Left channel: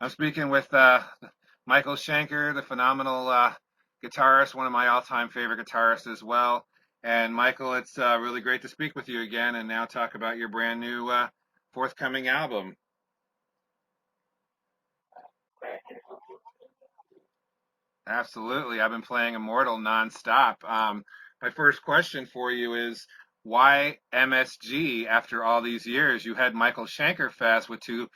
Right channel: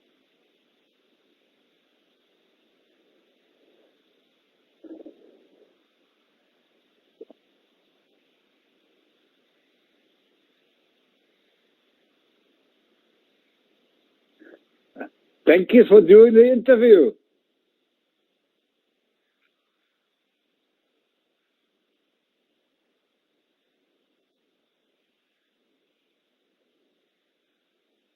I'm speaking with Michael Schenker, the phenomenal guitarist, one of my all-time favorite guitarists as well. And Michael, it's really great to speak with you again and now talk about your brand new forthcoming album. Thank you for doing the interview. Absolutely. I've been playing Immortal nonstop. My first question for you is, why MSG after all these years? You had Michael Schenker Fest with two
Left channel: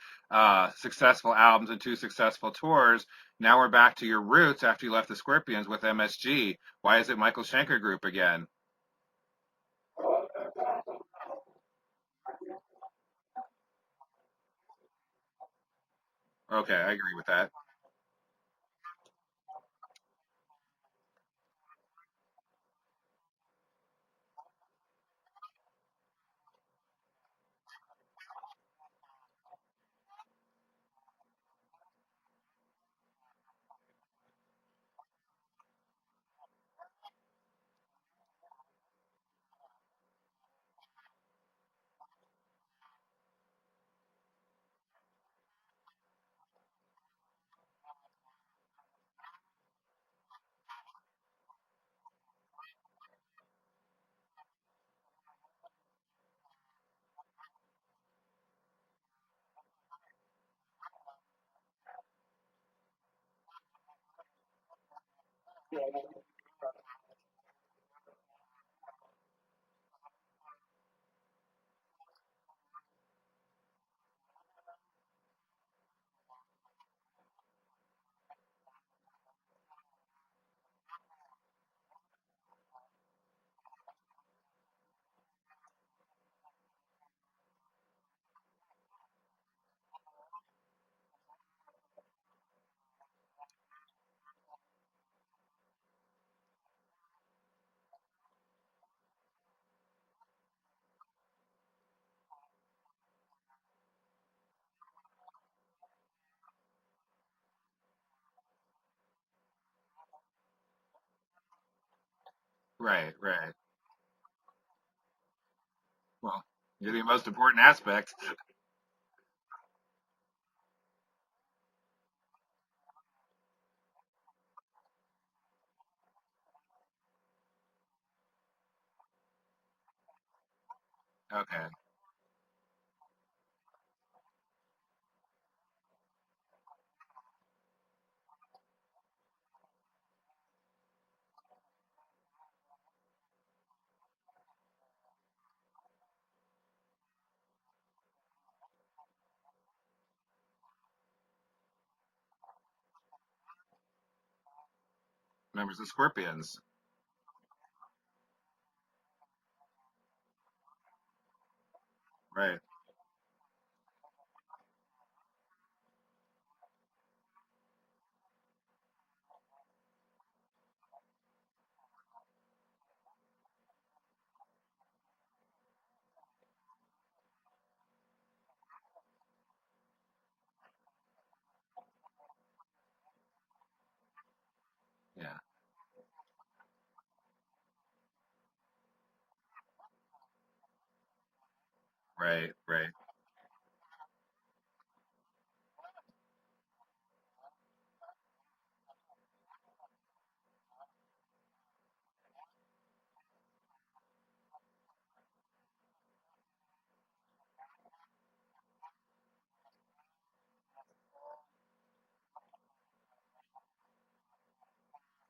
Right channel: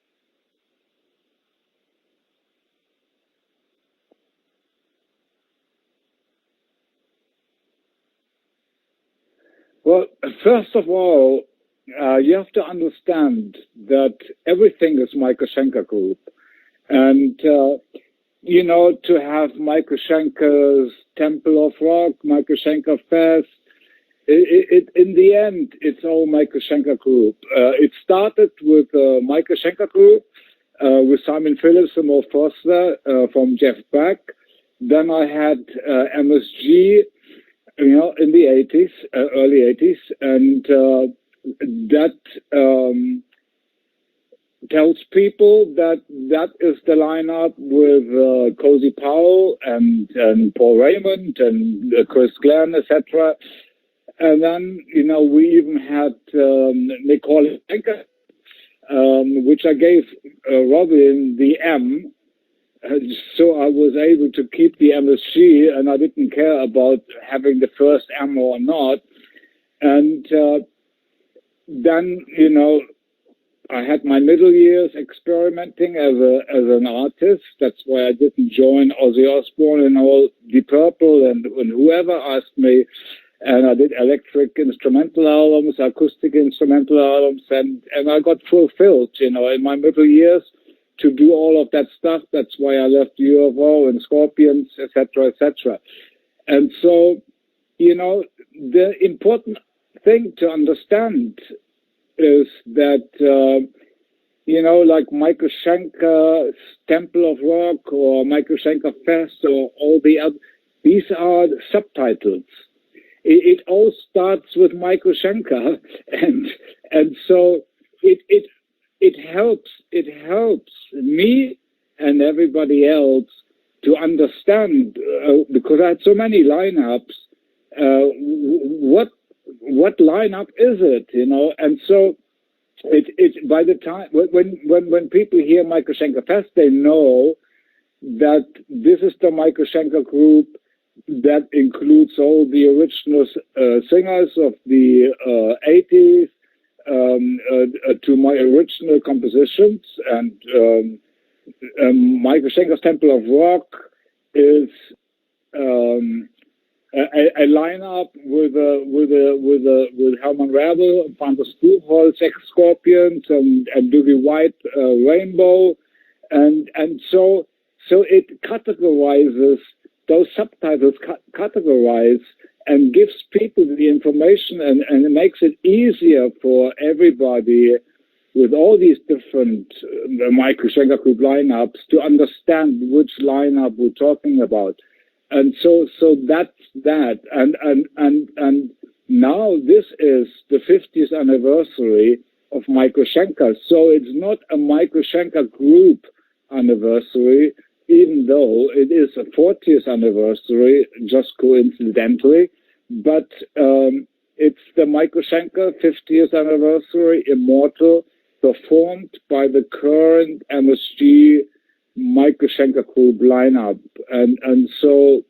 successful albums and two successful tours. Now we're back to your roots after you left the Scorpions with MSG. Why is it Michael Schenker Group again? Well, first of all, you have to understand that everything is Michael Schenker Group. Okay, I agree with that. To have Michael Schenker's Temple of Rock, Michael Schenker Fest, in the end, it's all Michael Schenker Group. It started with Michael Schenker Group, with Simon Phillips and Mo Foster from Jeff Beck. Then I had MSG, in the 80s, early 80s, and that tells people that is the lineup with Cozy Powell and Paul Raymond and Chris Glenn, etc. And then, we even had Nicole Schenker, which I gave Robin the M. So I was able to keep the MSG, and I didn't care about having the first M or not. And then, I had my middle years experimenting as an artist. That's why I didn't join Ozzy Osbourne and all Deep Purple and whoever asked me. And I did electric instrumental albums, acoustic instrumental albums, and I got fulfilled, in my middle years to do all of that stuff. That's why I left UFO and Scorpions, etc., etc. And so, the important thing to understand is that, like Michael Schenker's Temple of Rock or Michael Schenker Fest or all the other, these are subtitles. Right. It all starts with Michael Schenker, and so it helps me and everybody else to understand, because I had so many lineups. What lineup is it? And so it by the time when people hear Michael Schenker Fest, they know that this is the Michael Schenker Group that includes all the original singers of the 80s to my original compositions. And Michael Schenker's Temple of Rock is a lineup with Herman Rebel, Panther Spoolholz, ex-Scorpions, and Dougie White, Rainbow, and so it categorizes. Those subtitles categorize and gives people the information, and it makes it easier for everybody with all these different Michael Schenker Group lineups to understand which lineup we're talking about. Yeah. And so that's that. And now this is the 50th anniversary of Michael Schenker. So it's not a Michael Schenker Group anniversary, even though it is a 40th anniversary, just coincidentally, but it's the Michael Schenker 50th anniversary, Immortal, performed by the current MSG Michael Schenker Group lineup, and so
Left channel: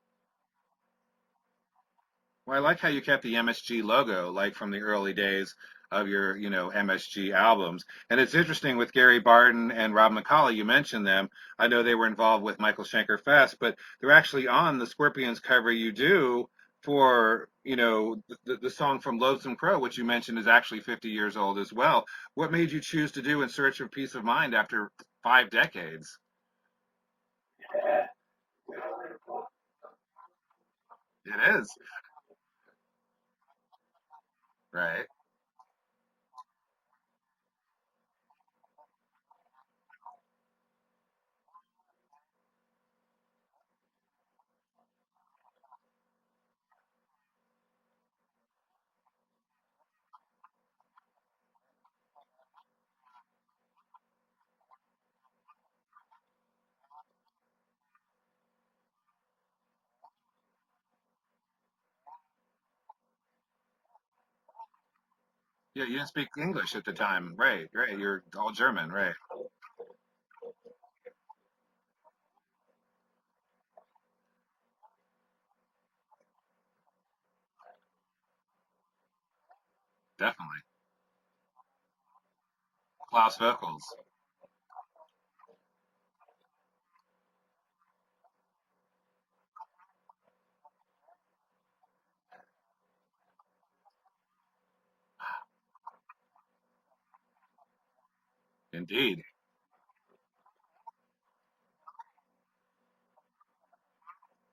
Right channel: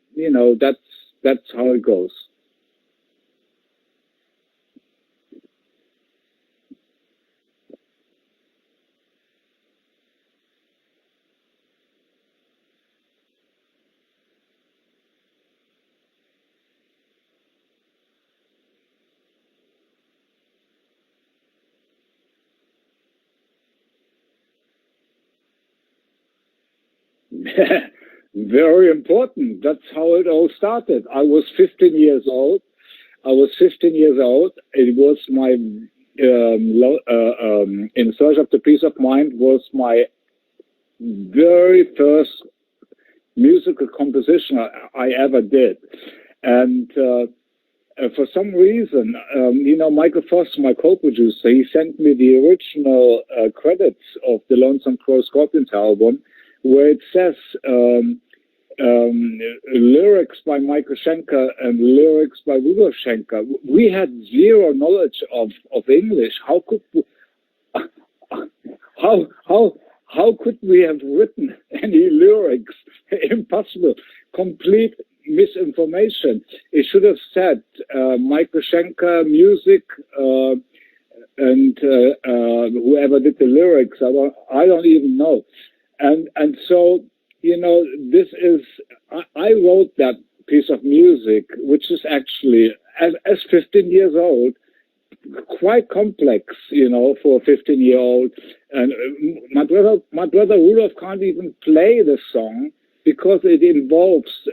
that's how it goes. Well, I like how you kept the MSG logo, like from the early days of your, MSG albums. And it's interesting with Gary Barton and Rob McCauley, you mentioned them. I know they were involved with Michael Schenker Fest, but they're actually on the Scorpions cover you do for, the song from Lonesome Crow, which you mentioned is actually 50 years old as well. What made you choose to do In Search of Peace of Mind after 5 decades? Very important. That's how it all started. I was 15 years old. It was my In Search of the Peace of Mind was my very first musical composition I ever did, and for some reason, Michael Foster, my co-producer, he sent me the original credits of the Lonesome Crow Scorpions album, where it says lyrics by Michael Schenker and lyrics by Rudolf Schenker. We had zero knowledge of You didn't speak English. English at the time, right? Right. You're all German, right? How could we have written any lyrics? Impossible. Complete misinformation. It should have said Michael Schenker music and whoever did the lyrics. I don't even know. And so, you know, this is, I wrote that piece of music, which is actually, as 15 years old, quite complex, you know, for a 15-year-old. And my brother Rudolf can't even play the song because it involves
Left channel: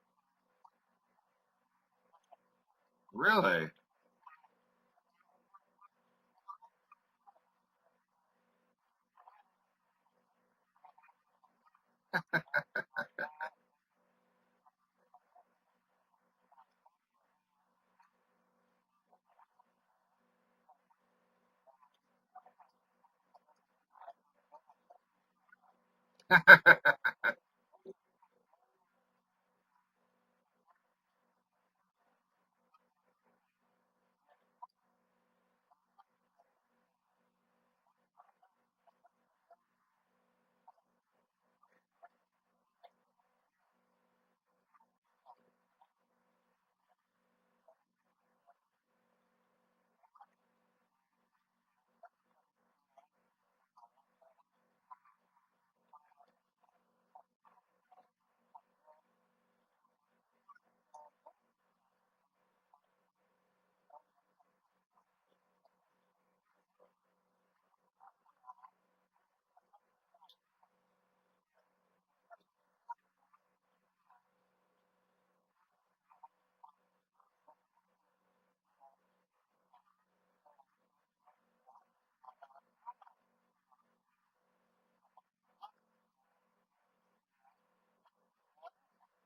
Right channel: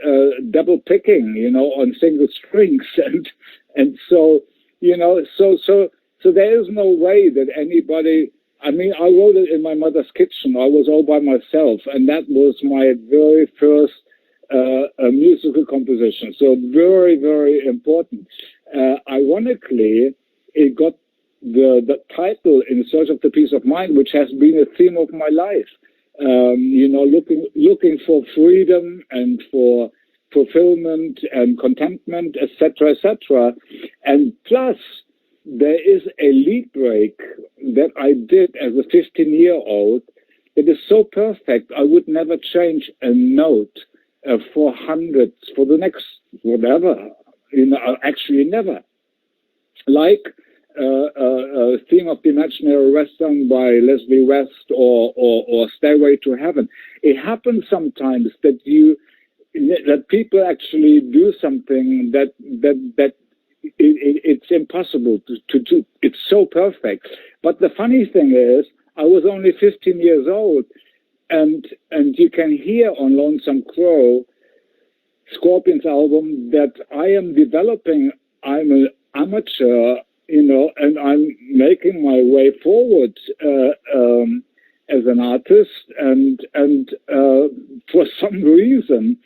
double picking, you know, on single strings. And so, you know, so there is no way that anybody. I mean, I wrote it in my mother's kitchen. I was all by myself, and that was my very first musical composition. So very, very important. Ironically, it got the title "In Search of the Peace of Mind," which has been a theme of my life. You know, looking for freedom and for fulfillment and contentment, etc., etc. And plus, there is a lead break that I did as a 15-year-old that is so perfect. I would never change a note for hundreds for the next whatever. You know, actually never. Like Theme of the Imaginary Western by Leslie West or Stairway to Heaven. It happens sometimes that people actually do something that it's impossible to do. It's so perfect. But the funny thing is, I was only 15 years old, and you can hear on Lonesome Crow, Scorpions album, that I am developing. I'm an amateur, you know, and I'm making my way forward as an artist. And for some reason,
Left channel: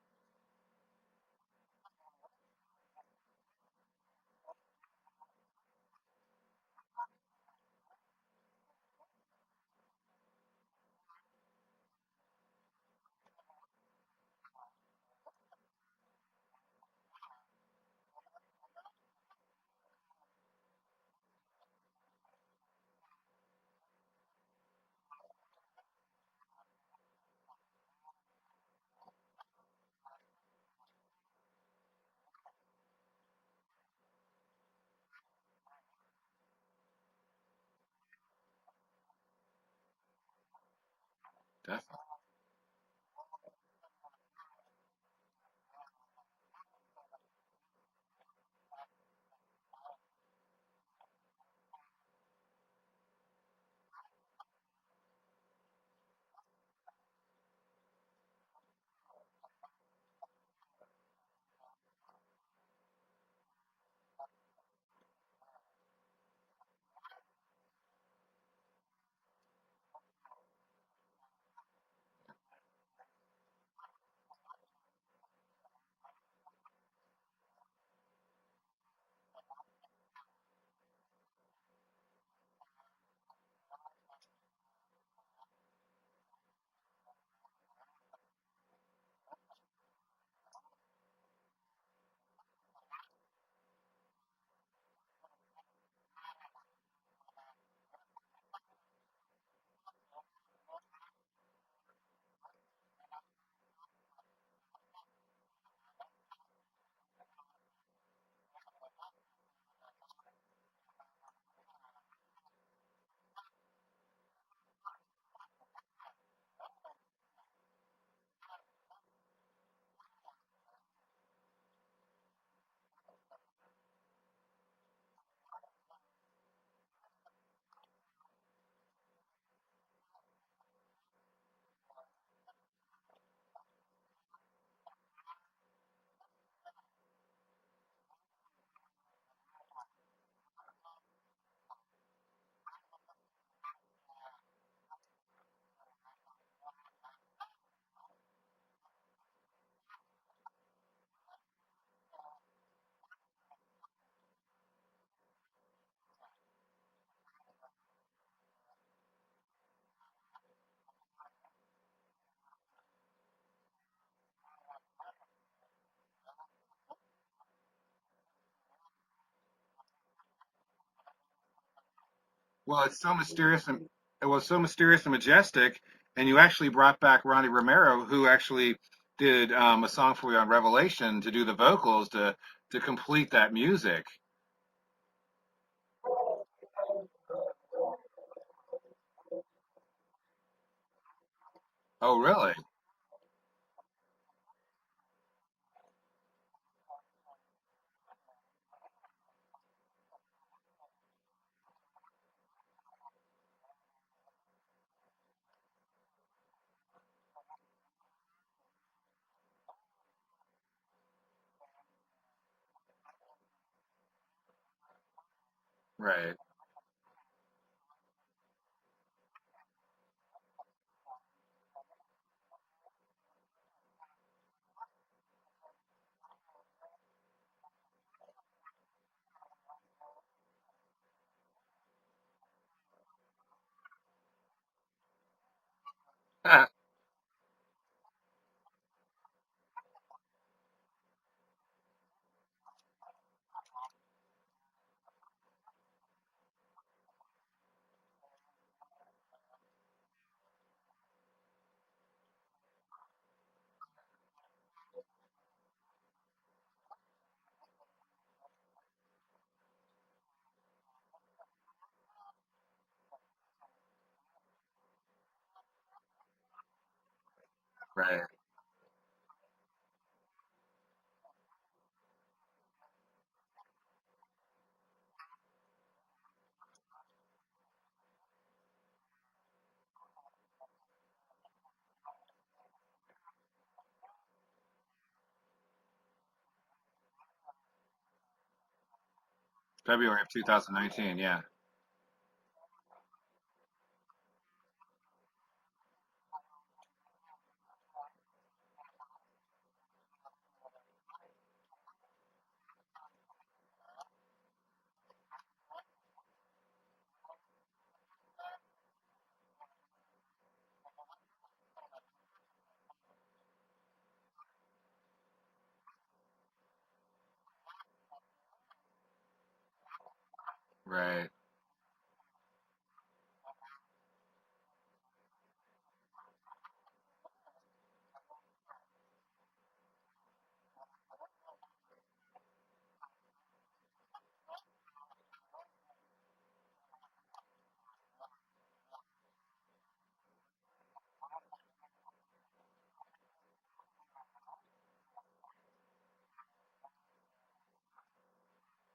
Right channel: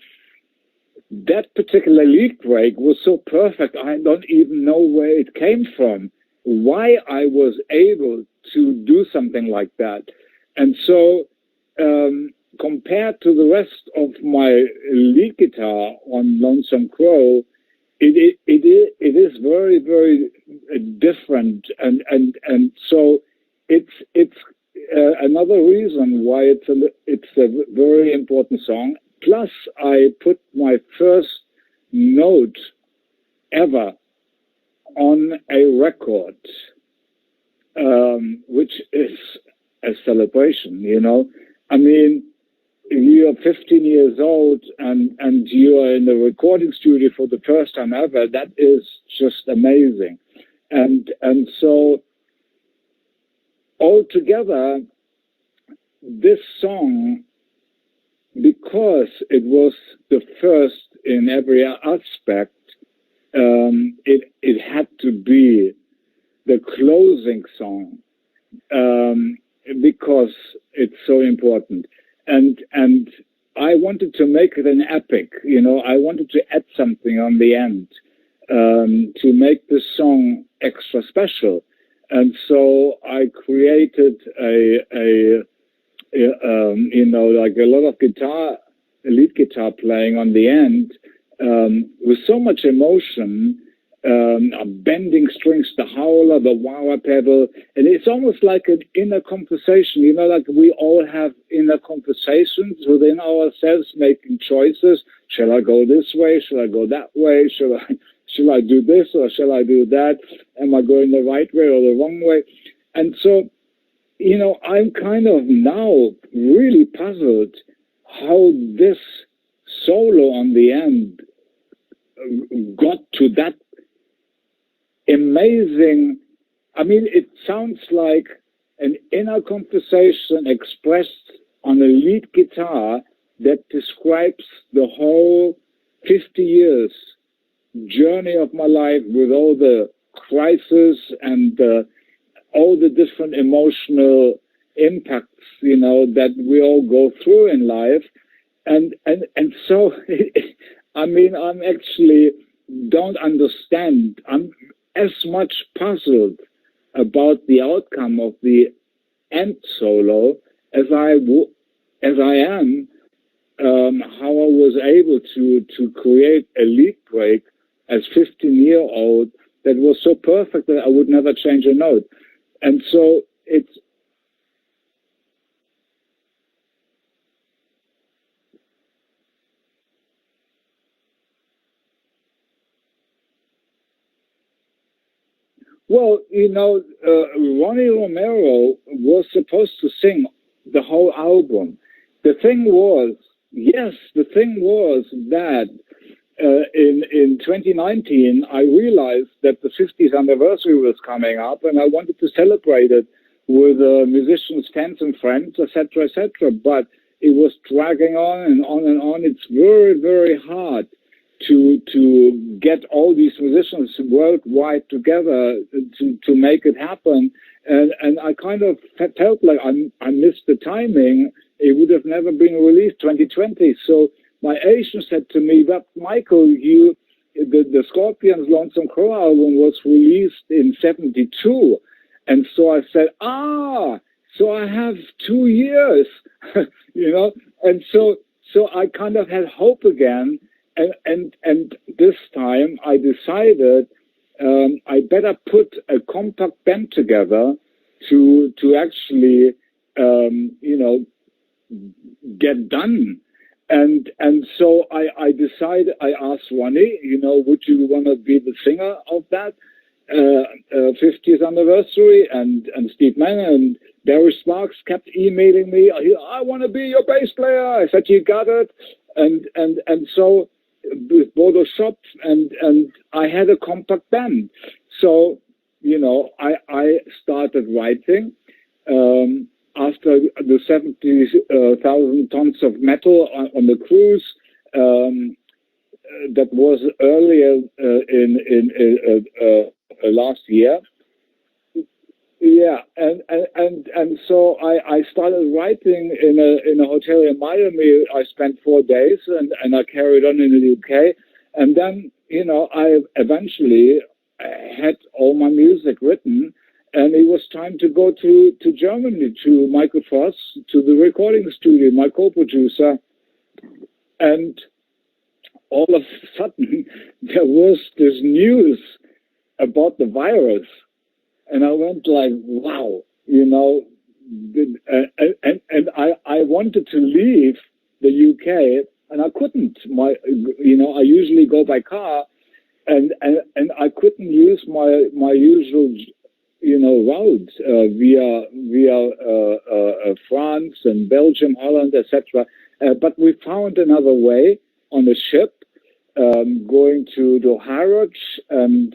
that particular lead break was so perfect. I don't even know where it came from, why I was able to do something like that. And so, compared to the rest of my lead guitar on Lonesome Crow, it is very, very different. And so it's another reason why it's a very important song. Plus, I put my first note ever on a record, which is a celebration, you know. I mean, you're 15 years old and you are in the recording studio for the first time ever. That is just amazing. And so altogether, this song, because it was the first in every aspect, it had to be the closing song because it's so important. And I wanted to make it an epic, you know. I wanted to add something on the end to make this song extra special. And so I created you know, like a lot of lead guitar playing on the end with so much emotion, bending strings, the howler, the wah-wah pedal, and it's almost like an inner conversation, you know, like we all have inner conversations within ourselves, making choices. Shall I go this way? Shall I go that way? Shall I do this or shall I do that? Am I going the right way or the wrong way? And so, you know, I'm kind of now really puzzled how this solo on the end got to that amazing. I mean, it sounds like an inner conversation expressed on a lead guitar that describes the whole 50 years journey of my life with all the crises and all the different emotional impacts, you know, that we all go through in life. And so, I mean, I'm actually don't understand. I'm as much puzzled about the outcome of the end solo as I as I am, how I was able to create a lead break as 15-year-old that was so perfect that I would never change a note. And Well, it's so so mysterious and it was so mysterious and majestic. And you actually brought back Ronnie Romero, who actually did a song for you on Revelation to do the vocals to complete that music. well, Ronnie Romero was supposed to sing the whole album. Oh, The really? thing was, yes, the thing was that in 2019, I realized that the 50th anniversary was coming up, and I wanted to celebrate it with musicians, fans, and friends, etc., etc. But it was dragging on and on and on. It's very, very hard to get all these musicians worldwide together to Right. make it happen. And I kind of felt like I missed the timing. It would have never been released 2020. So my agent said to me, "But Michael, the Scorpions' Lonesome Crow album was released in '72," and so I said, so I have 2 years, Ah, you know, and so I kind of had hope again, and this time I decided I better put a compact band together to actually get done. And so I decided, I asked Ronnie, would you want to be the singer of that 50th anniversary? And Steve Mann and Barry Sparks kept emailing me, "I want to be your bass player." I said, "You right. got it." And so with Bodo Shop, and I had a compact band. So, I started writing. After the 70,000 tons of metal on the cruise, that was earlier in February of last year. 2019. Yeah. Yeah, and so I started writing in a hotel in Miami. I spent 4 days, and I carried on in the UK, and then I eventually had all my music written, and it was time to go to Germany, to Michael Voss, to the recording studio, my co-producer, and all of a sudden there was this news about the virus, Right. and I went like, wow, and I wanted to leave the UK, and I couldn't. I usually go by car, and I couldn't use my usual, route via France and Belgium, Holland, etc. But we found another way on a ship, going to the Harwich, and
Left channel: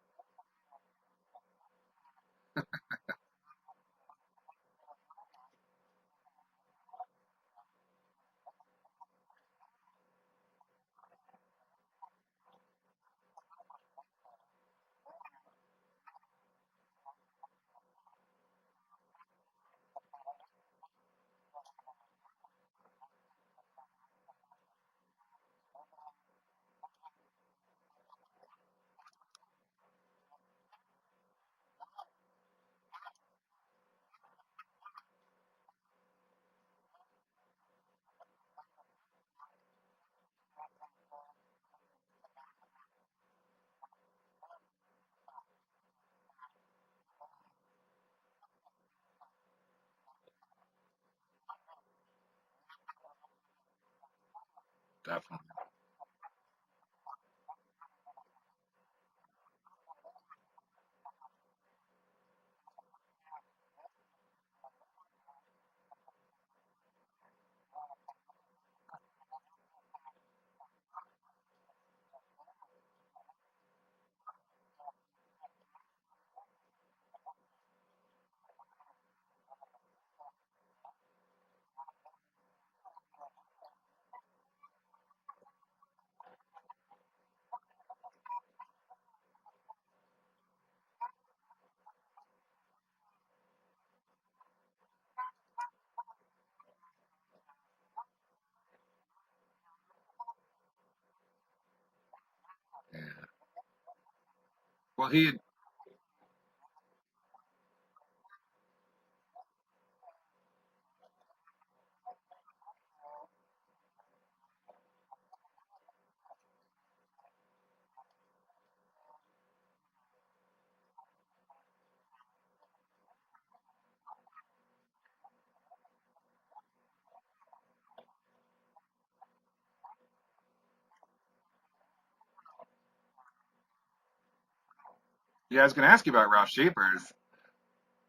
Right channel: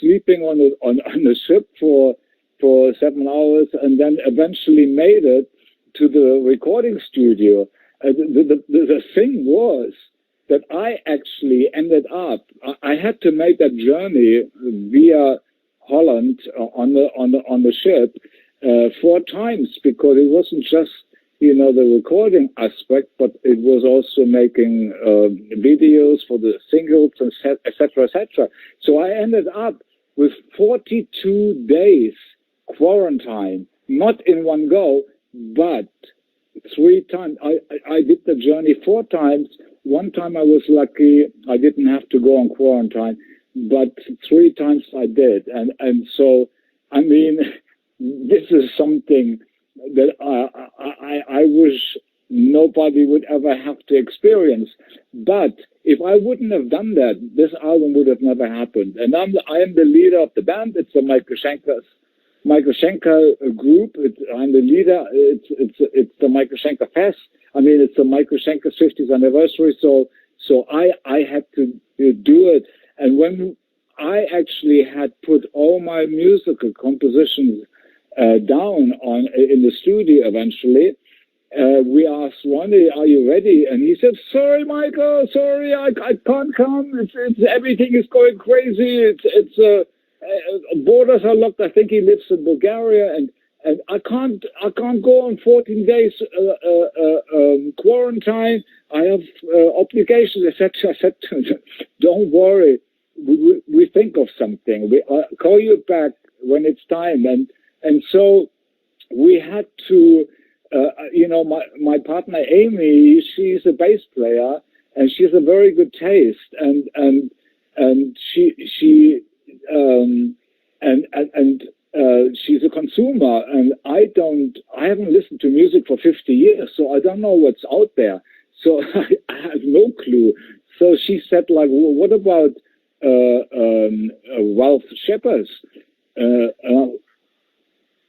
sleeping on the ship for 7 hours, and then eventually made it to the recording studio. The thing was that I actually ended up. I had to make that journey via Holland on the ship 4 times, because it wasn't just the recording aspect, but it was also making videos for the singles, and etc., etc. So I ended up with 42 days quarantine, not in one go, but 3 times. I did the journey 4 times. One time I was lucky; I didn't have to go on quarantine, but 3 times I did, and so I mean, this is something that I wish nobody would ever have to experience. Definitely. But if I wouldn't have done that, this album would have never happened. And I am the leader of the band. It's the Michael Schenker group. I'm the leader. It's the Michael Schenker Fest. I mean, it's the Michael Schenker's 50th anniversary. So I had to do it. And when I actually had put all my musical compositions down in the studio eventually, we asked Ronnie, "Are you ready?" And he said, "Sorry, Michael, sorry, I can't come. It's everything is going crazy. It's borders are locked. I think he lives in Bulgaria, and I can't go on 14 days quarantine. I have obligations, etc." I said, "Don't worry, we think of something. We Well, he call you back when it's time." And so we had to my partner Amy, she's a bass player, and she's a very good taste, and she she's a consumer, and I haven't listened to music for 50 years, so I don't know what's out there. So I have no clue. So she said, like, well, what about Ralph Shepard? Yeah, I was going to ask you about Ralph Shepard.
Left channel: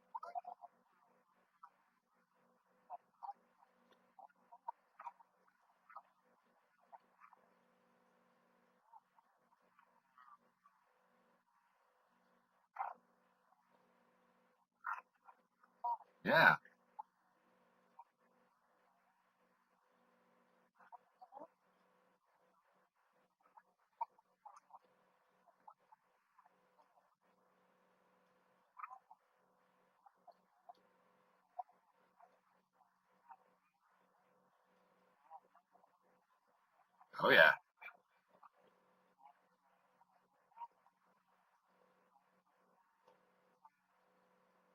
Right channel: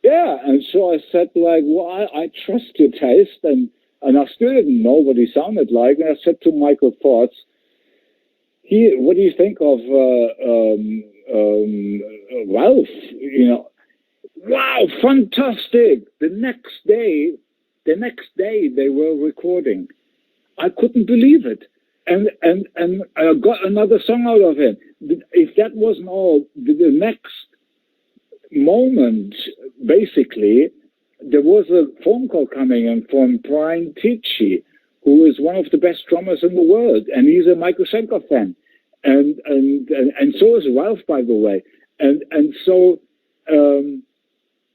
Yeah, and so I said, like, well, I trust your taste, and I still didn't know what he sounded like, and I said to Michael Forts, what do you think of Ralph? Wow, fantastic! The next day they were recording. I couldn't believe it, and I got another song out of him. If that wasn't all, the next moment, basically, there was a phone call coming in from Brian Tichy, who is one of the best drummers in the world, and he's a Michael Schenker fan, and so is Ralph, by the way, and so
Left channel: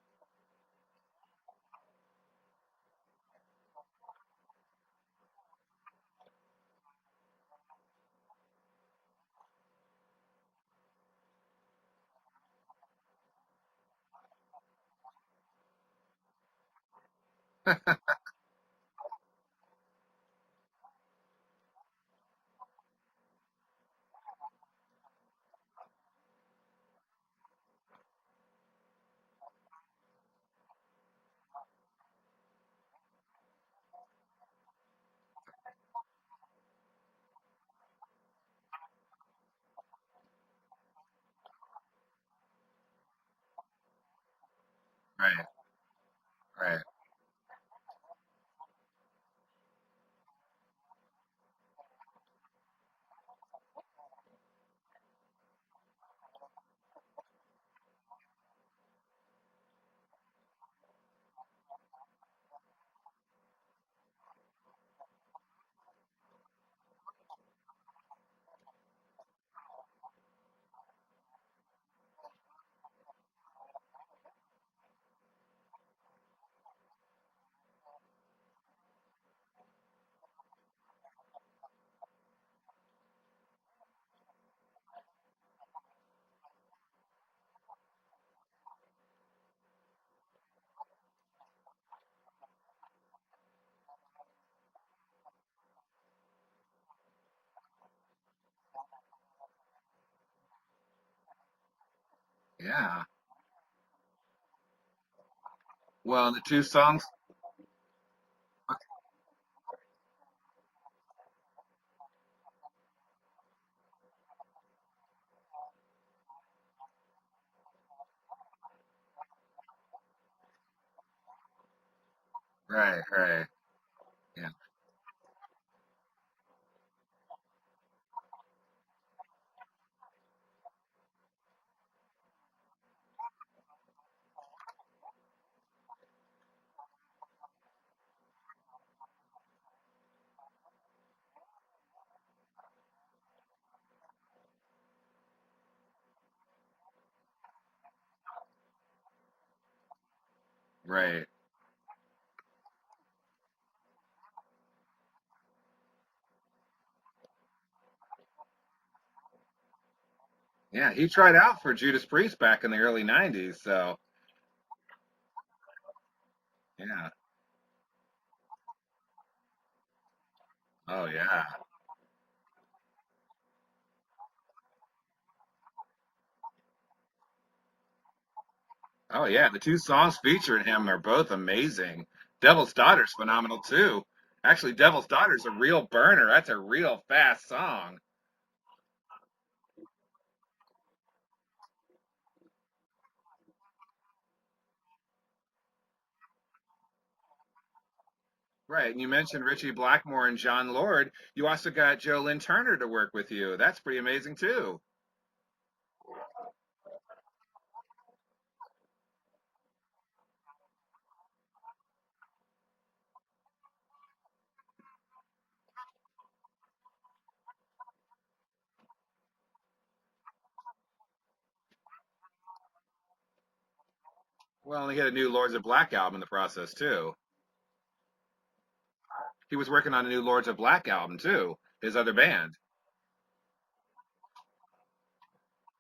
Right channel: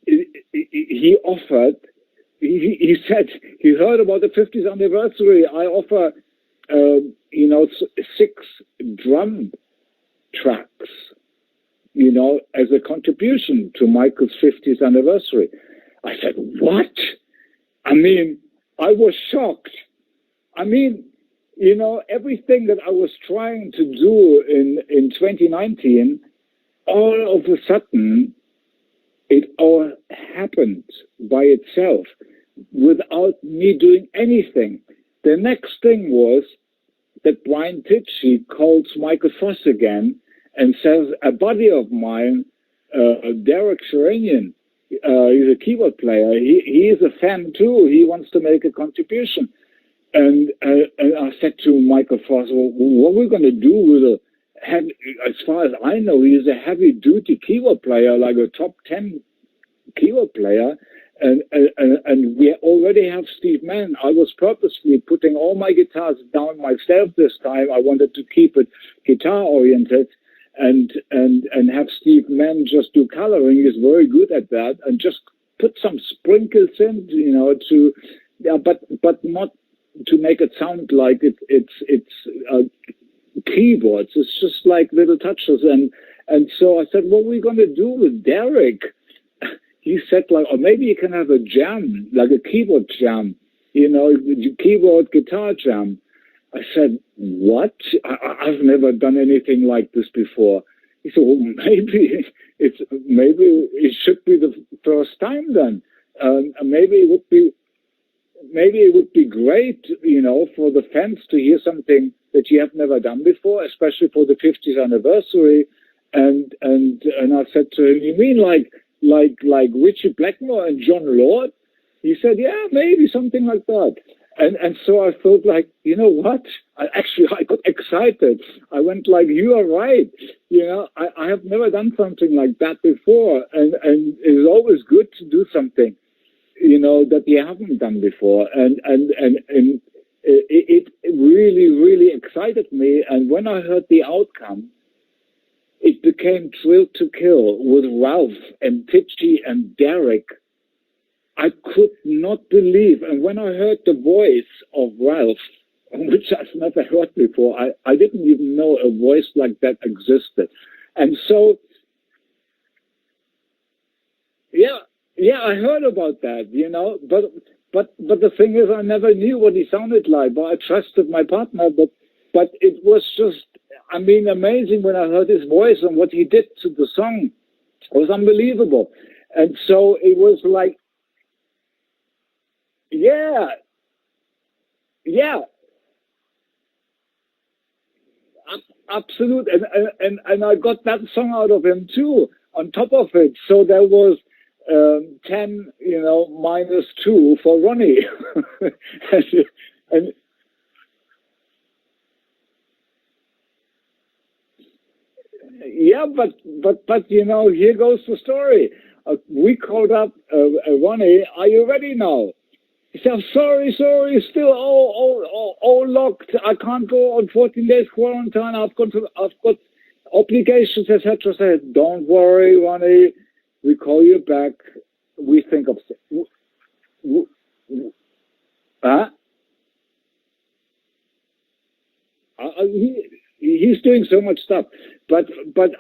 he offered. He said he heard about the 50th anniversary. I offer, 6 drum tracks, as a contribution to Michael's 50th anniversary. I said, what? I mean, I was shocked. I mean, everything that I was trying to do in 2019, all of a sudden, it all happened by itself without me doing anything. The next thing was that Brian Tichy calls Michael Foss again and says, a buddy of mine, Derek Sheranian, he's a keyboard player. He is a fan too. He wants to make a contribution. And I said to Michael Foss, well, what are we going to do with as far as I know, he's a heavy-duty keyboard player, like a top 10 keyboard player. And we already have Steve Mann. I was purposely putting all my guitars down myself this time. I wanted to keep it guitar-oriented and have Steve Mann just do coloring. He's very good at that. And just put some sprinkles in, but not to make it sound like it's keyboards. It's just like little touches. And so I said, what are we going to do with Derek? He said, like, or maybe you can have a jam, like a keyboard jam, keyboard guitar jam. I said, what? I've never done anything like this before. He said, well, maybe it should be the first time then. Well, maybe it would be great, for the fans to hear something that you have never done before, especially for the 50th anniversary. And I said to him, you mean like Richie Blackmore and John Lord? He said, yeah, maybe something like that. And so I thought, like, you know what? I got excited. I went like, you are right. I have never done something like that before. And it's always good to do something, that you haven't done before. And it really, really excited me. And when I heard the outcome, it became Thrilled to Kill with Ralph and Tichy and Derek. Right. I could not believe. And when I heard the voice of Ralph, which I've never heard before, I didn't even know a voice like that existed. Yeah, he tried out for Judas Priest back in the early 90s, so. Yeah, I heard about that, yeah. But the thing is, I never knew what he sounded like, but I trusted my partner. But it was just, amazing when I heard his voice and what he did to the song. It was unbelievable. Oh, yeah, the two songs featuring him are both amazing. Devil's Daughter's phenomenal, too. Actually, Devil's Daughter's a real burner. That's a real fast song. Absolute. And I got that song out of him, too, on top of it. So there was 10, -2 for Ronnie. Right. And you mentioned Richie Blackmore and John Lord. You also got Joe Lynn Turner to work with you. That's pretty amazing, too. Yeah, but here goes the story. We called up Ronnie. Are you ready now? He said, sorry, still all locked. I can't go on 14 days quarantine. I've got obligations, etc. I said, don't worry, Ronnie. We call you back. Well, he had a new Lords of Black album in the process, too. Huh? He was working on a new Lords of Black album too. His other band. He's doing so much stuff. But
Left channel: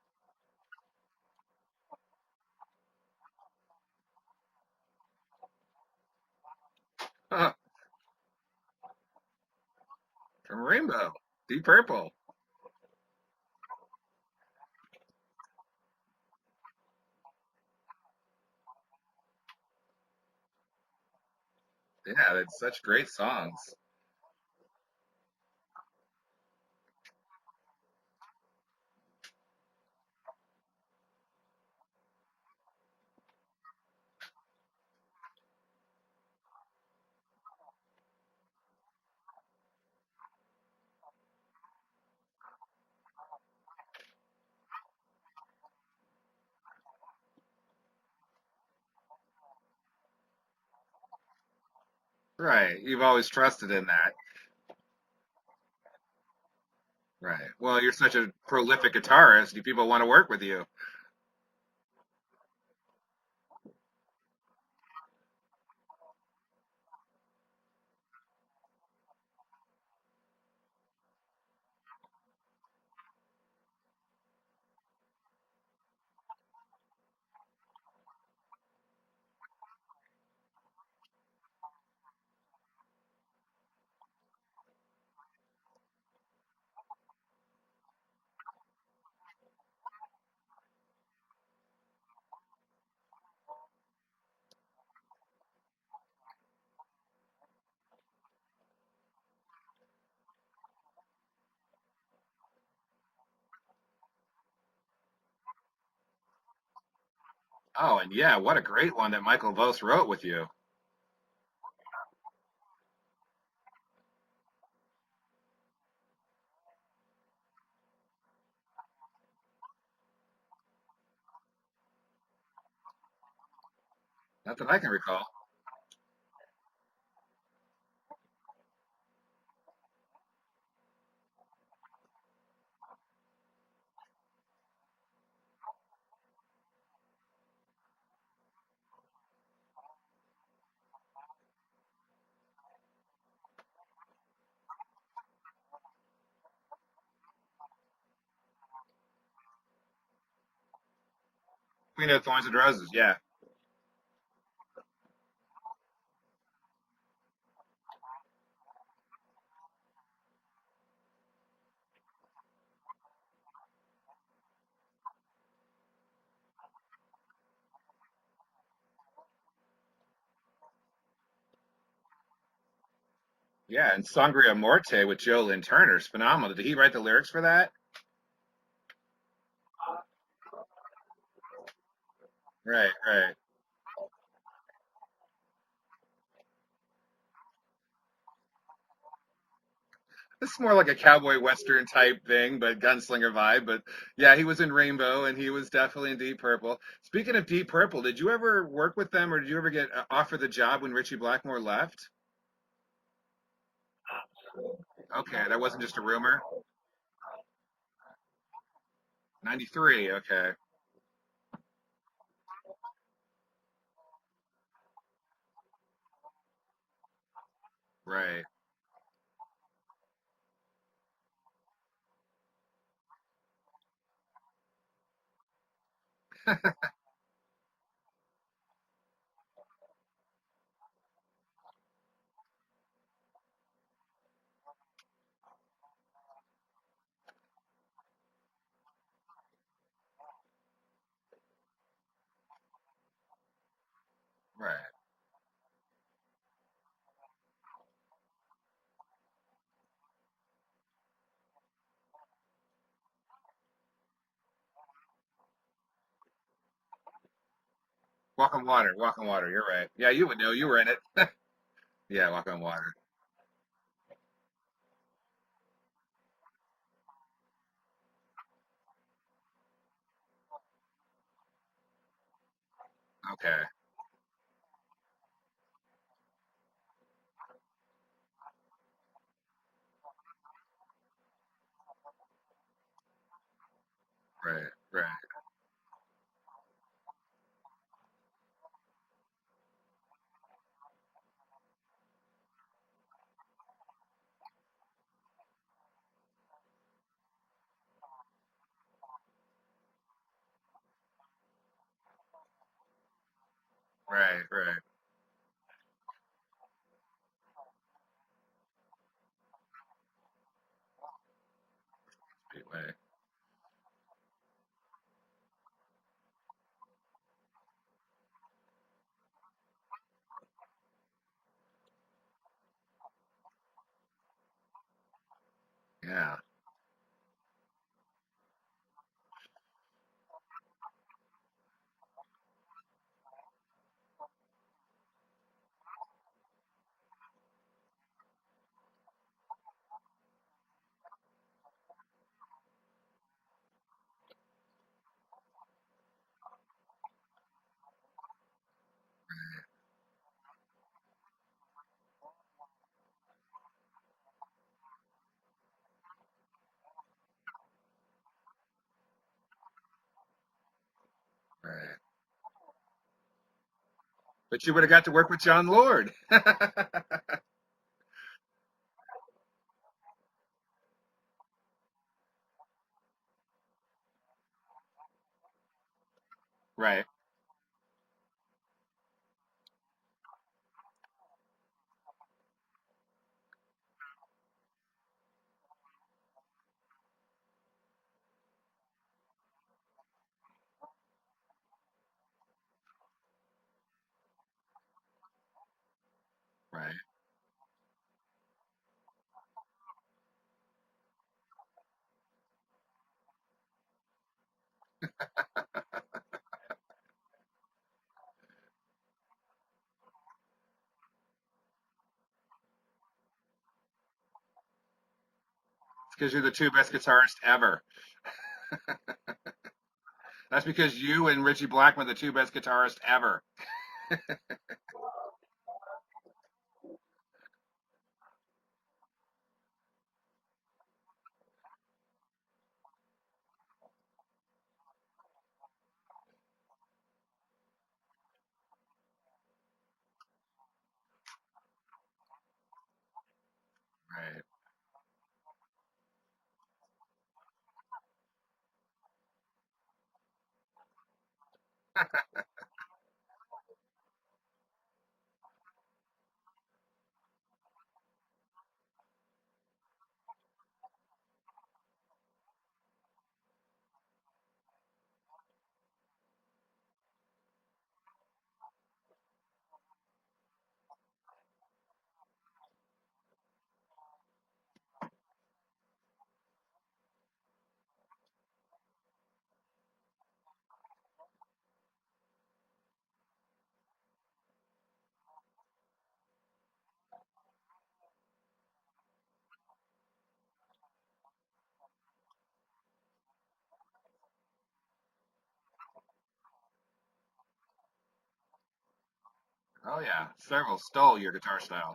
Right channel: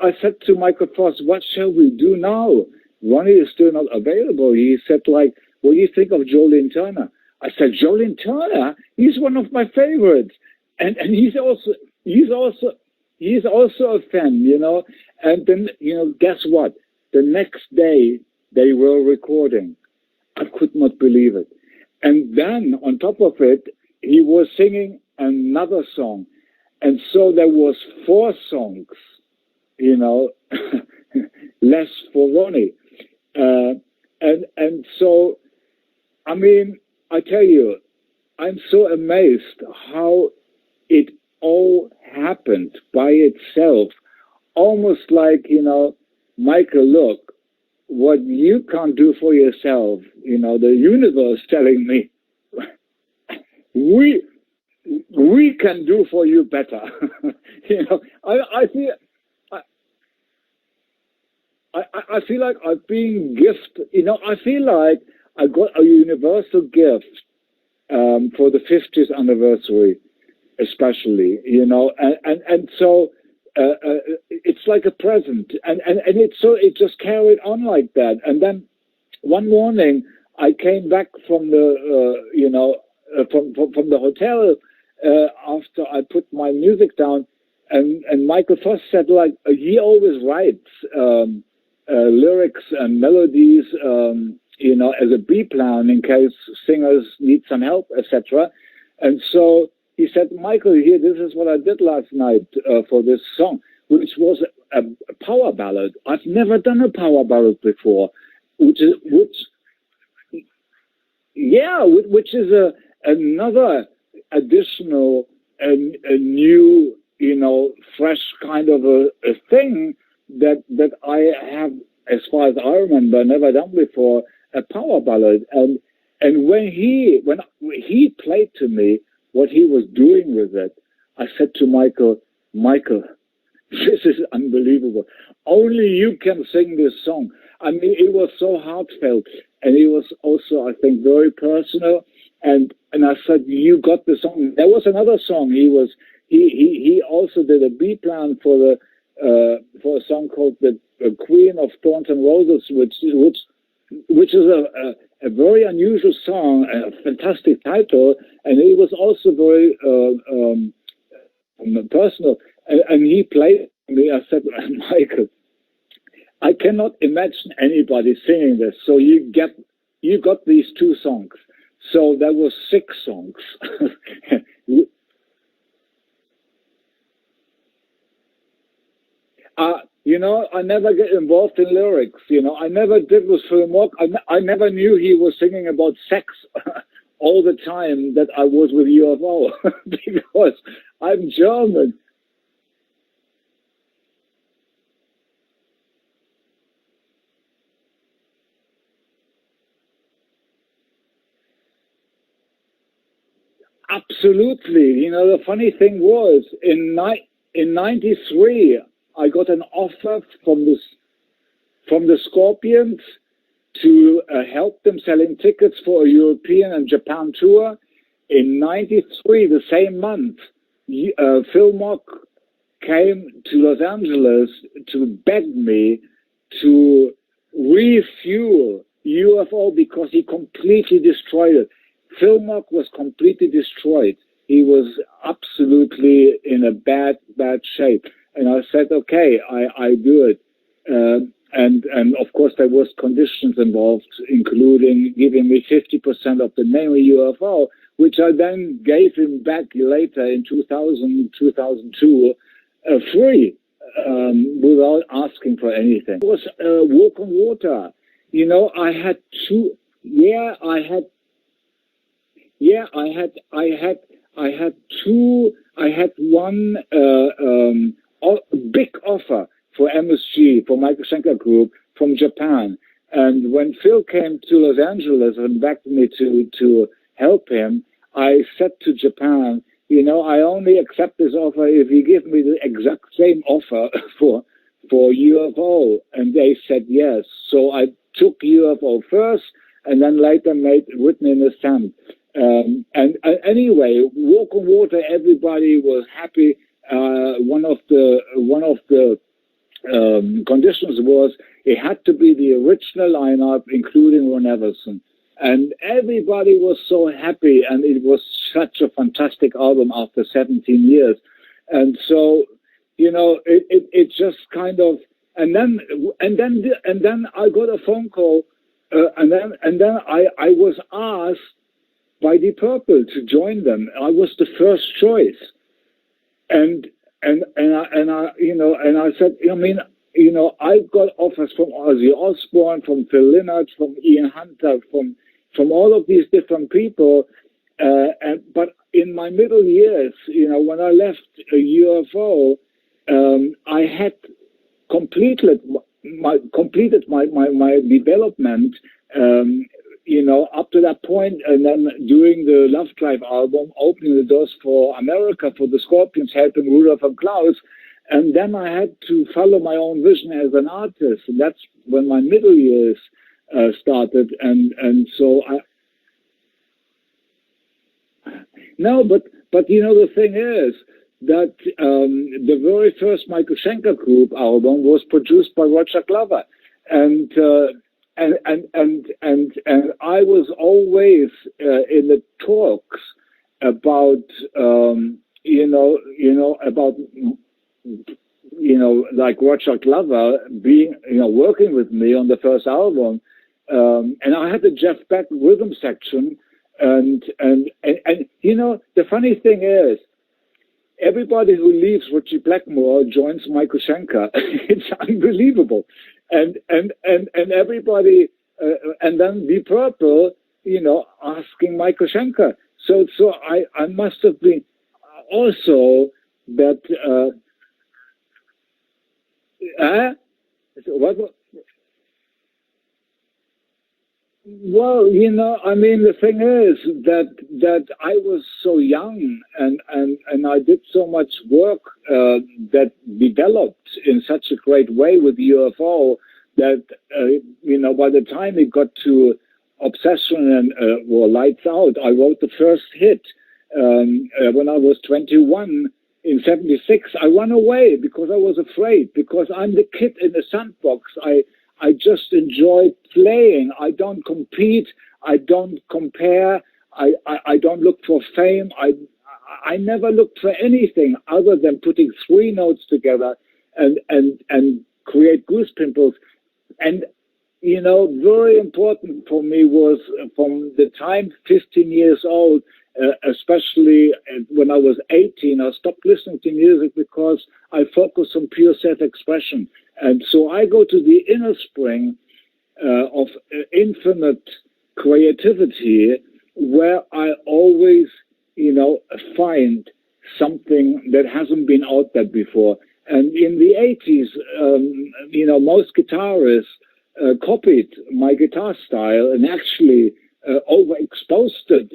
I said to Michael Foss, what shall we do now? Ronnie is still not available. He said, like, what do you think of Jolene Turner? I said, Jolene Turner? He's one of my favorites. And he's also a fan, you know. And then, you know, guess what? The next day they were recording. I could not believe it. And then on top of it, he was singing another song. And so there was 4 songs, you know, less for Ronnie. And so, I mean, I tell you, I'm so amazed how it all happened by itself. Almost like, you know, Michael, look, what you can't do for yourself, you know, the universe telling me. Right. You've always trusted in that. We can do for you better. Right. Well, you're such a prolific guitarist that people want to work with you. I feel like I've been gifted, you know, I feel like I got a universal gift for the 50th anniversary, especially, you know, and so it's like a present, and it just carried on like that. And then one morning I came back from the you know from the hotel after I put my music down, and Michael Foss said, like, he always writes lyrics and melodies, you know, as a B plan in case singers need some help, etc. And so he said, Michael, here, this is what I did last night for this song, which was a power ballad. I've never done a power ballad before. Oh, yeah, what a great one that Michael Voss wrote with you. Yeah, which is another additional and a new, you know, fresh kind of a thing that I have, as far as I remember, never done before. That's a power ballad. And when he played to me what he was doing with it, I said to Michael, this is unbelievable. Only you can sing this song. I mean, it was so heartfelt, and it was also, I think, very personal. And I said, you got the song. There was another song. He also did a B plan for a song called the Queen of Thorns and Roses, which is a very unusual song, a fantastic title, and it was also very personal. And he played me. I said, Michael, I cannot imagine anybody singing this. So you got these 2 songs. So there was 6 songs. Yeah, and Sangria Morte with Jolene Turner is phenomenal. Did he write the lyrics for that? You know, I never get involved in lyrics. You know, I never did with film work. I never knew he was singing about sex all the time that I was with UFO. It's more like a cowboy western type thing, but gunslinger vibe. But yeah, he was in Rainbow, and he was definitely in Deep Purple. Speaking of Deep Purple, did you ever work with them, or did you ever get offered the job when Richie Blackmore left? Absolutely. You know, the funny thing was, in '93, I got an offer from the Scorpions to help them selling tickets for a European and Japan tour. Right. In '93, the same month, Phil Mock came to Los Angeles to beg me to refuel UFO because he completely destroyed it. Phil Mock was completely destroyed. He was absolutely in a bad shape. And I said, okay, I do it. And of course, there was conditions involved, including giving me 50% of the name of UFO, which I then gave him back later in 2000, 2002, free, without asking for anything. It was Walk on Water. You know, I had 2. Right. Yeah, you were in it. Yeah, Walk on Water. Yeah, I had 2. I had one big offer for MSG, for Michael Schenker Group, from Japan. And when Phil came to Los Angeles and begged me to help him, I said to Japan, you know, I only accept this offer if you give me the exact same offer for UFO. And they said yes. So I took UFO first, and then later made written in the sand. And anyway, Walk on Water, everybody was happy. One of the conditions was it had to be the original lineup, including Ron Everson. And everybody was so happy, and it was such a fantastic album after 17 years. And so, you know, it just kind of, and then I got a phone call, and then I was asked by Deep Purple to join them. I was the first choice. Yeah. And I you know, and I said, I mean, you know, I got offers from Ozzy Osbourne, from Phil Lynott, from Ian Hunter, from all of these different people. But in my middle years, you know, when I left UFO, I had completed my development, you know, up to that point, and then doing the Love Drive album, opening the doors for America, for the Scorpions, helping Rudolph and Klaus. And then I had to follow my own vision as an artist, and that's when my middle years started. And but you would have got to work with John Lord. No, but you know, the thing is that the very first Michael Schenker Group album was produced by Roger Glover, and I was always in the talks about like Roger Glover being, you know, working with me on the first album, and I had the Jeff Beck rhythm section, and you know, the funny thing is, everybody who leaves Richie Blackmore joins Michael Schenker. It's unbelievable, and everybody, and then Deep Purple, you know, asking Michael Schenker. So I must have been also. Because you're the two best guitarists ever. That's because you and Richie Blackmore are the two best guitarists ever. Well, you know, I mean, the thing is that I was so young, and I did so much work that developed in such a great way with UFO that you know, by the time it got to Obsession and Lights Out, I wrote the first hit when I was 21. In 76, I ran away because I was afraid, because I'm the kid in the sandbox. I just enjoy playing. I don't compete. I don't compare. I don't look for fame. I never looked for anything other than putting three notes together and create goose pimples. And, you know, very important for me was from the time 15 years old, especially when I was 18, I stopped listening to music because I focused on pure self-expression. And so I go to the inner spring of infinite creativity, where I always, you know, find something that hasn't been out there before. And in the 80s, you know, most guitarists copied my guitar style and actually overexposed it.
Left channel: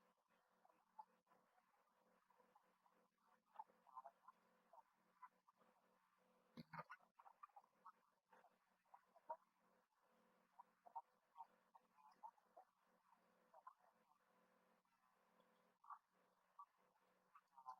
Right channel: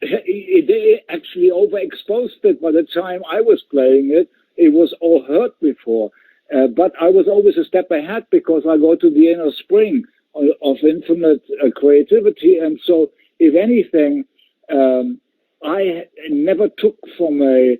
They actually overexposed it. By the time I was playing it, it was all heard before. But I was always a step ahead because I go to the inner spring of infinite creativity. And so, if anything, I never took from a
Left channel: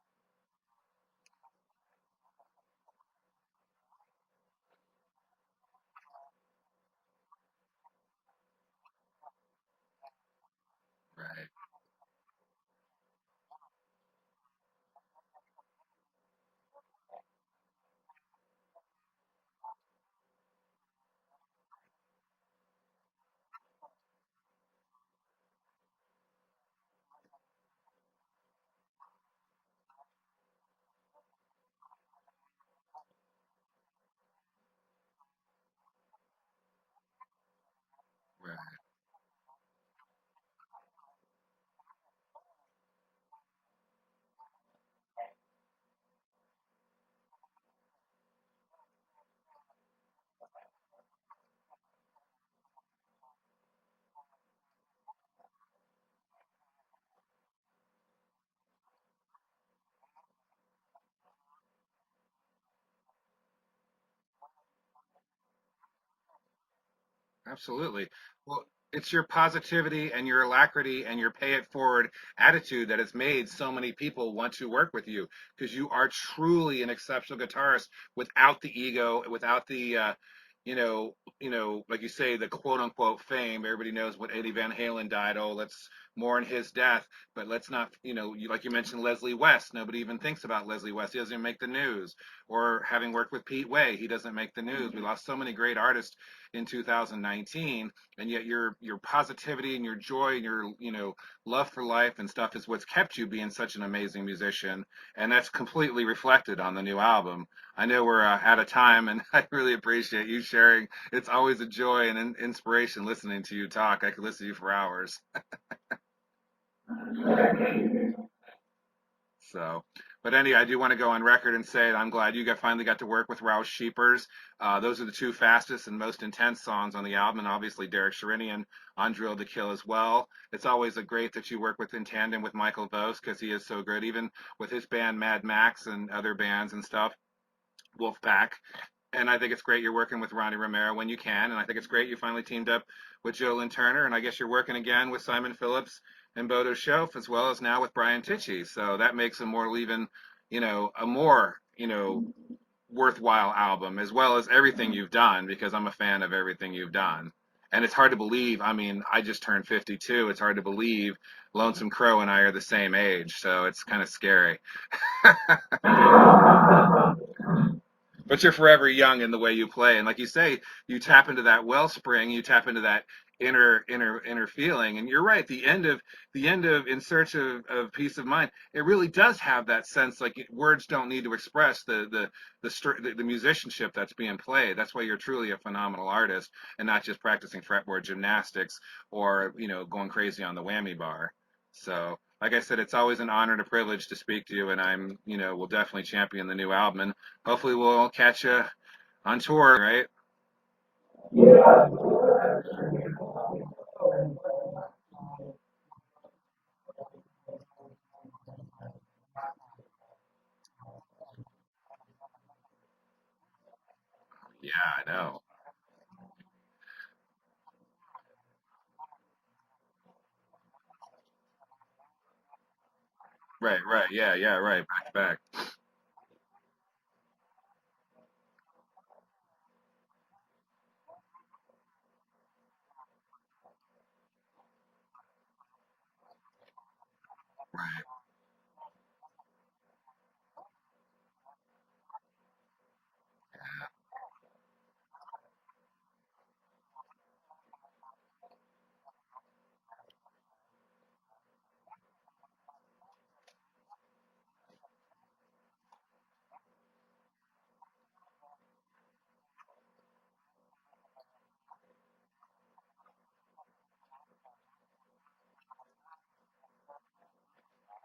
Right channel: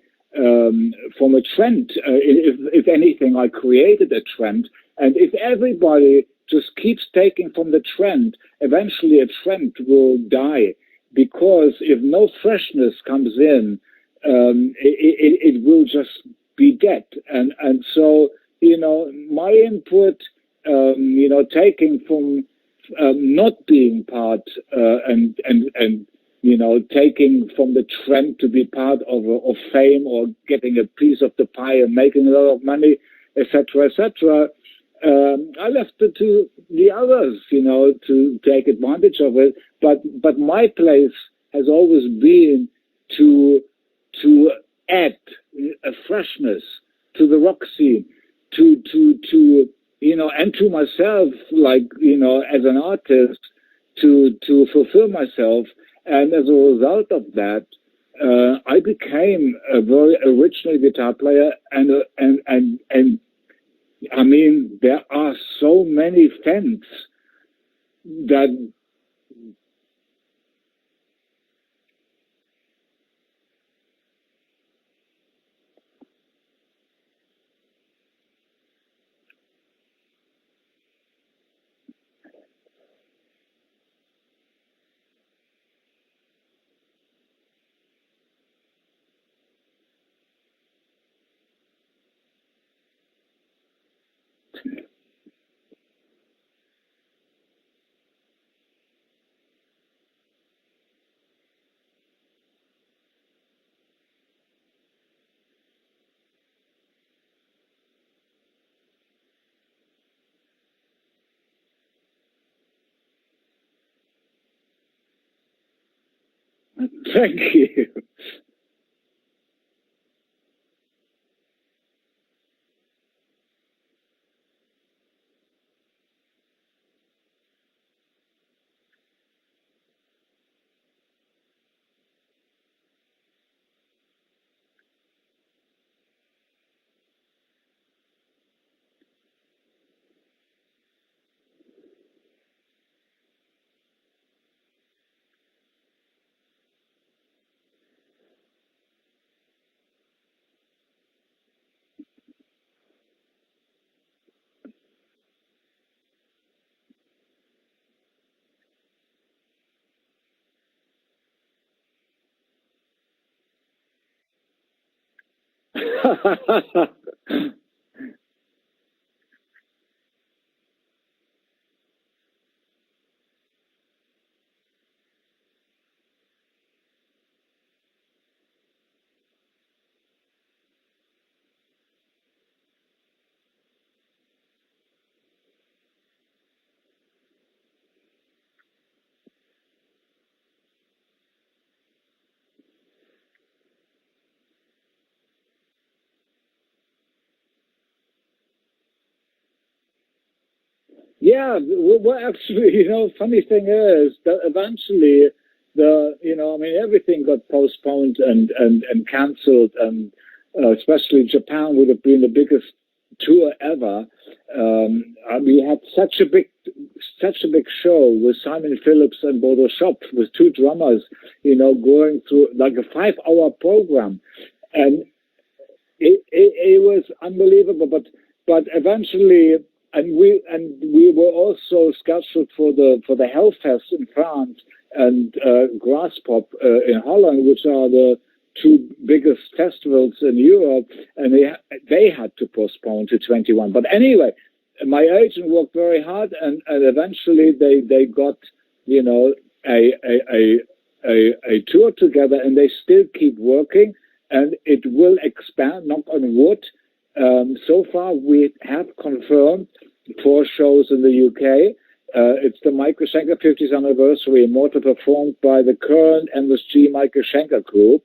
trend. If anything, I created a trend. And if everybody just keeps taking from the trend, eventually a trend will die. Because if no freshness comes in, it will just be dead. And so, you know, my input, you know, taking from not being part and you know, taking from the trend to be part of fame or getting a piece of the pie and making a lot of money, etc., etc. I left it to the others, you know, to take advantage of it. But my place has always been to add a freshness to the rock scene, to you know, and to myself, like, you know, as an artist, to fulfill myself. And as a result of that, I became a very original guitar player, and I mean, there are so many fans. Absolutely. That it's your positivity and your alacrity and your pay it forward attitude that has made so many people want to work with you, because you are truly an exceptional guitarist without the ego, without the like you say, the quote unquote fame. Everybody knows what Eddie Van Halen died. Oh, let's mourn his death, but let's not, like you mentioned, Leslie West. Nobody even thinks about Leslie West. He doesn't even make the news. Or having worked with Pete Way, he doesn't make the news. We lost so many great artists in 2019, and yet your positivity and your joy and your love for life and stuff is what's kept you being such an amazing musician, and that's completely reflected on the new album. I know we're out of time, and I really appreciate you sharing. It's always a joy and inspiration listening to you talk. I could listen to you for hours. Thank you. So, but anyway, I do want to go on record and say that I'm glad you finally got to work with Rouse Sheepers. Those are the two fastest and most intense songs on the album, and obviously Derek Sherinian on Drill to Kill as well. It's always a great that you work with in tandem with Michael Vos, because he is so good, even with his band Mad Max and other bands and stuff, Wolfpack. And I think it's great you're working with Ronnie Romero when you can, and I think it's great you finally teamed up with Joe Lynn Turner, and I guess you're working again with Simon Phillips and Bodo Schoaf, as well as now with Brian Tichy. So that makes a more worthwhile album, as well as everything you've done, because I'm a fan of everything you've done. And it's hard to believe. I mean, I just turned 52. It's hard to believe Lonesome Crow and I are the same age, so it's kind of scary. But you're forever young in the way you play, and like you say, you tap into that wellspring, you tap into that inner feeling. And you're right, the end of In Search of Peace of Mind, it really does have that sense, like words don't need to express the musicianship that's being played. That's why you're truly a phenomenal artist, and not just practicing fretboard gymnastics or going crazy on the whammy bar. So, like I said, it's always an honor and a privilege to speak to you, and will definitely champion the new album, and hopefully we'll catch you on tour, right? Yeah, well, actually, funny thing is that eventually everything got postponed and cancelled, and especially Japan would have been the biggest tour ever. Yeah, I know. We had such a big show with Simon Phillips and Bodo Schoaf, with two drummers, going through like a 5-hour program. Right, yeah, right. And Back. it was unbelievable, but eventually, and we were also scheduled for the Hellfest in France and Grasspop in Holland, which are the two biggest festivals in Europe, and they had to postpone to 21. But anyway, my agent worked very hard, and eventually they got a tour together, and they still keep working, and it will expand, knock on wood. So far, we have confirmed 4 shows in the UK. It's the Michael Schenker 50th anniversary, Immortal, performed by the current MSG Michael Schenker group.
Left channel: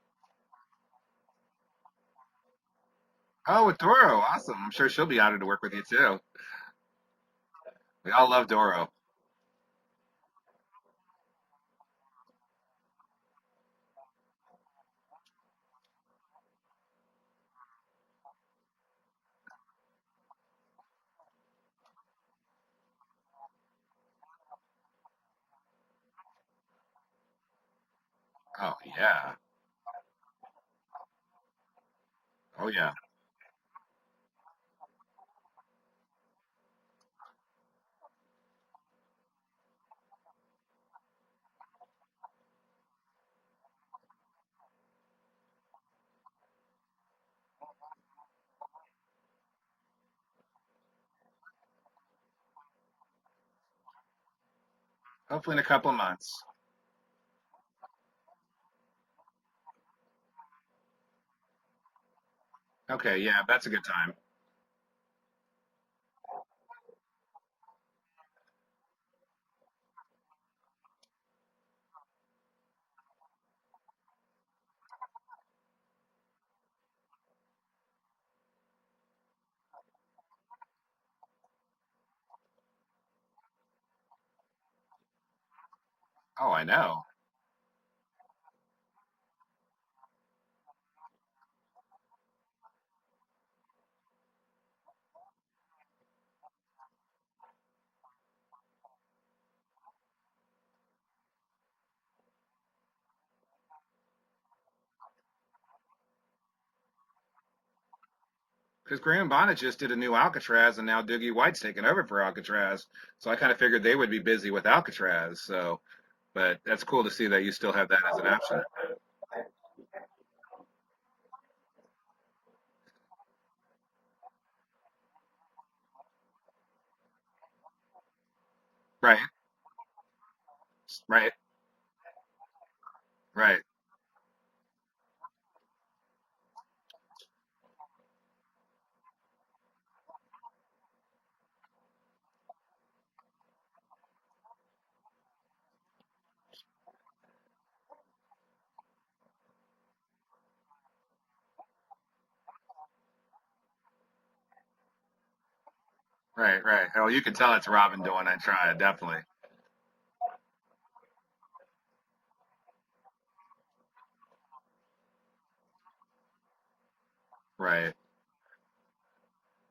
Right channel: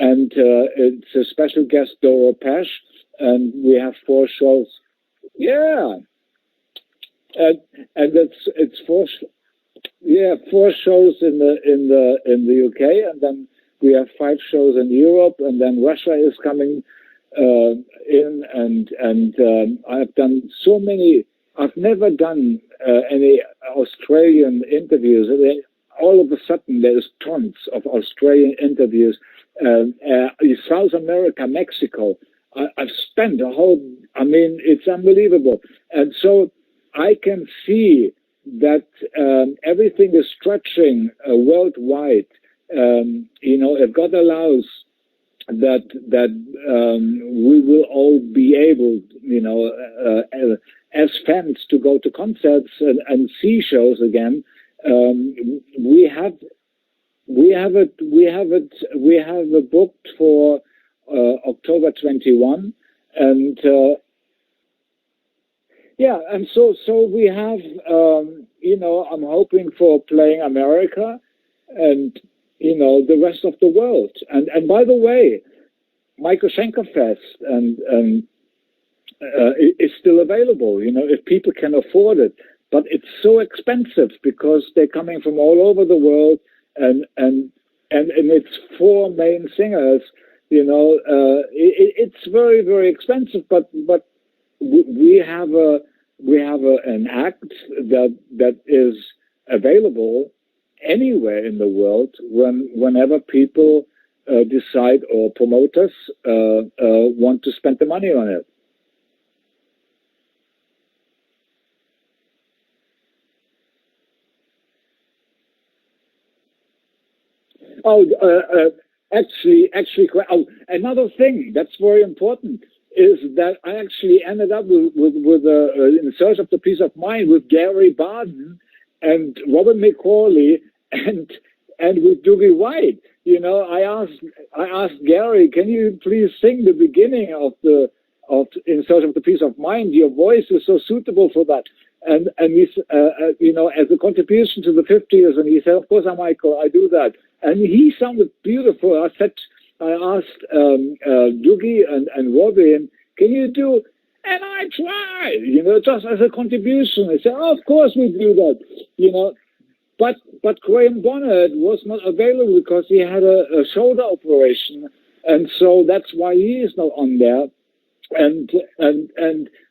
And it's a special guest, Doro Pesch. And we have Doro, 4 awesome. shows. I'm sure she'll be honored to work with you too. And We all love Doro. It's 4 shows in the UK, and then we have 5 shows in Europe, and then Russia is coming in, and I've done so many. I've never done any Australian interviews. All of a sudden, there's tons of Australian interviews. Yeah. South America, Mexico. I've spent it's unbelievable. And so I can see that everything is stretching worldwide. If God allows, that we will all be able, as fans, to go to concerts and see shows again. Hopefully in a couple months. We have it booked for October 21. Okay, yeah, that's a good time. Yeah, and so we have, I'm hoping for playing America and, the rest of the world. And by the way, Michael Schenker Fest is still available, if people can afford it. But it's so expensive because they're coming from all over the world. Oh, I know. And it's 4 main singers, it's very, very expensive, but we have an act that is available anywhere in the world whenever people decide, or promoters want to spend the money on it. Because Graham Bonnet just did a new Alcatraz, and now Doogie White's taking over for Alcatraz. So I kind of figured they would be busy with Alcatraz. So, but that's cool to see that you still have that as an option. Actually, another thing that's very important is that I actually ended up with In Search of the Peace of Mind with Gary Barden and Robert McCauley and with Doogie White. You know, I asked Gary, can you please sing the beginning of In Search of the Peace of Mind? Your voice is so suitable for that. And he's, you know, as a contribution to the 50s, and he said, of course, Michael, I do that. And he sounded beautiful. I asked Doogie and Robin, can you do, and I tried, you know, just as a contribution. Right. Oh, of course we do that. Tried, you know, but Graham Bonnet was not available because he had a shoulder operation, and so that's why he is not on there. Right.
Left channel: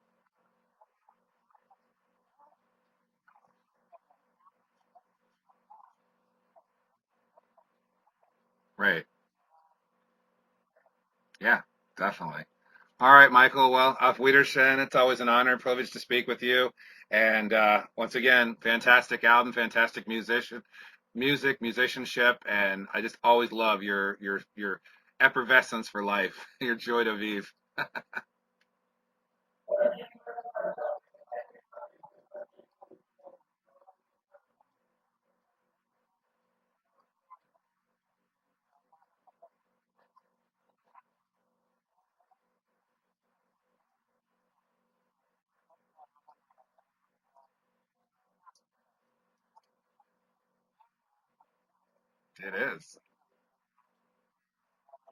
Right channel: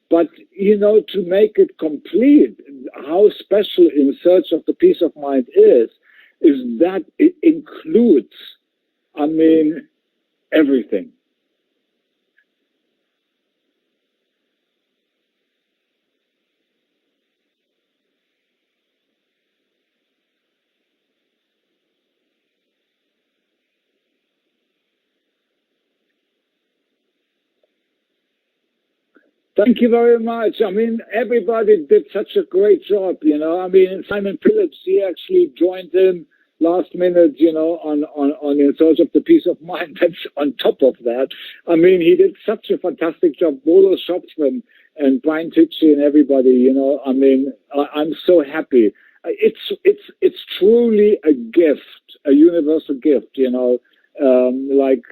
But you know, to make it complete, how special In Search of the Peace of Mind is that it includes, I mean, everything. Yeah, definitely. All right, Michael. Well, auf Wiedersehen. It's always an honor and privilege to speak with you. And once again, fantastic album, fantastic musicianship, and I just always love your effervescence for life, your joy de vivre. Thank you very much. I mean, everybody did such a great job, you know. I mean, Simon Phillips, he actually joined in last minute, you know, on In Search of the Peace of Mind. That's on top of that. I mean, he did such a fantastic job. Bodo Schopfman and Brian Tichy and everybody, you know. I mean, I'm so happy. It's truly a gift, a universal gift, you know. Like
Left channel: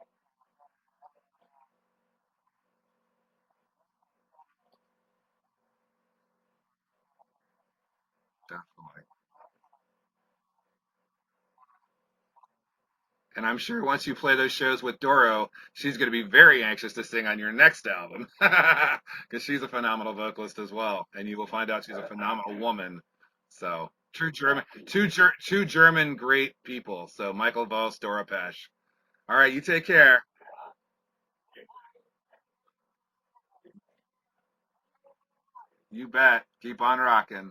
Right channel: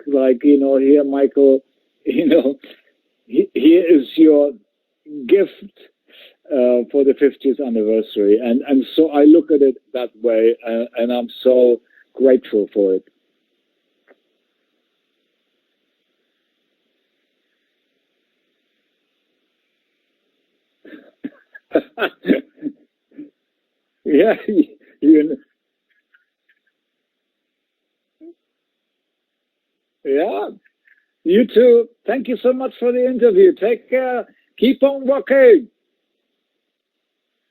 you know, here, Michael, you know, here is your gift for the 50th anniversary, and so I look at it that way, and I'm so grateful for it. And I'm sure once you play those shows with Doro, she's going to be very anxious to sing on your next album, because she's a phenomenal vocalist as well, and you will find out she's a phenomenal woman. So two German great people. So Michael Voss, Doro Pesch. All right, you take care. Yeah, you too. Thank you so much for the interview. Take care. Keep on rocking. You bet. Keep on rocking.